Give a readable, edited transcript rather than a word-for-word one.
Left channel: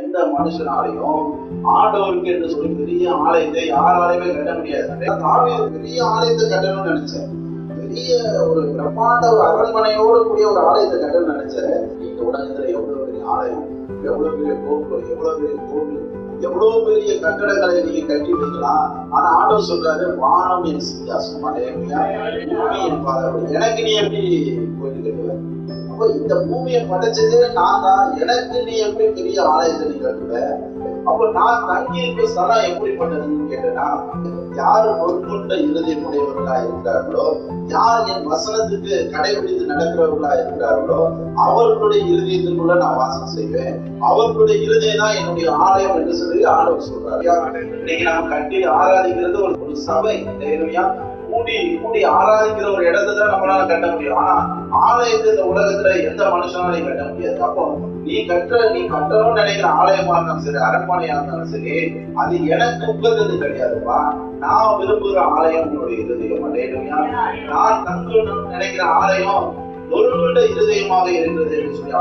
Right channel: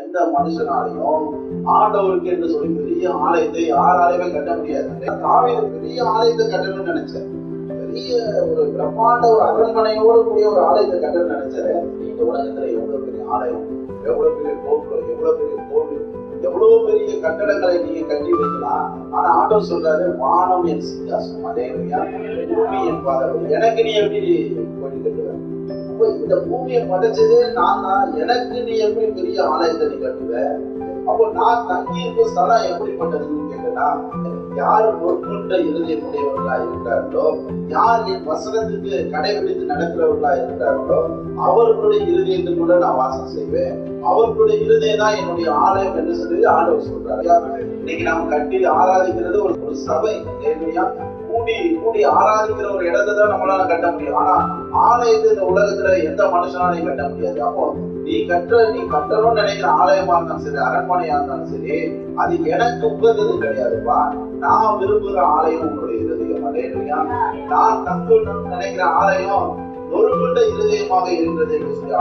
எந்த மனுஷனாலையும் ஆண்டவருக்கு என்று சொல்லி பெரிய ஆலயத்தை யாராலையுமே கட்ட முடியாது. தாவீது பெரிய ஆலயத்தை கட்டணும்னு நினைச்சேன். பெரிய ஒரு பிரம்மாண்ட ஒரு அரண்மனையோடு கூடிய ஒரு ஆலயத்தை கட்டணும்னு நினைச்சேன். இந்த உலகத்துல எவ்வளவு பெரிய ஆலயம், எவ்வளவு பெரிய கோபுரம், எவ்வளவு பெரிய கோவில், எவ்வளவு பெரிய கட்டடங்களை நீங்க கட்டி வைக்கலாம். ஆனா ஆண்டவர் சொல்றாரு, வானம் என் சிங்காசனம், அல்லேலூயா, பூமி என் பாதம். எனக்கு நீ எப்படி கோயில் கட்டுவ? அப்ப இந்த பூமியை படைச்சதே நான் தான், எனக்கு நீ எப்படி பெரிய ஆலயத்தை நீ கட்டுவ? அப்ப நான் தங்கி இருக்க ஸ்தலம் எப்படிப்பட்டதுன்னு கேட்டேன்னா, யார் பொறுப்புண்ட இருதயமுடையவர்களா இருக்கிறார்களோ, யார் என் வசனத்துக்கு கடைபிடித்து நடக்கிறவர்களா இருக்கிறார்களோ, அவர்களுடைய இருதயத்திற்குள்ள நான் வாசம் செய்வேன். அவர்களுடைய இருதயம் தான் என்னுடைய ஆலயம் என்று சொல்லி ஆண்டவர் சொல்றாரு. இன்னைக்கு நாம் கட்டி ஆராதிக்கிறது ஒரு சபை, கூடி ஆராதிக்கிற ஒரு இடத்தை தான் நம்மளால கட்ட முடியும். ஆனா ஆலயத்தை இந்த உலகத்துல எந்த மனுஷனாலையும் கட்ட முடியாது. அப்போ நீ கட்டணும்னு நினைக்கிற ஆலயமா இருந்தாலும் சரி, அரண்மனையா இருந்தாலும் சரி, அது எனக்கு உகந்தது கிடையாதுப்பா. நான் விரும்புகிற ஆலயம் உன்னுடைய இருதயம், அல்லேலூயா. நான் தங்கணும்னு நினைக்கிற ஆலயம் ஒருவருடைய இருதயமாக இருக்கிறது என்று சொல்லி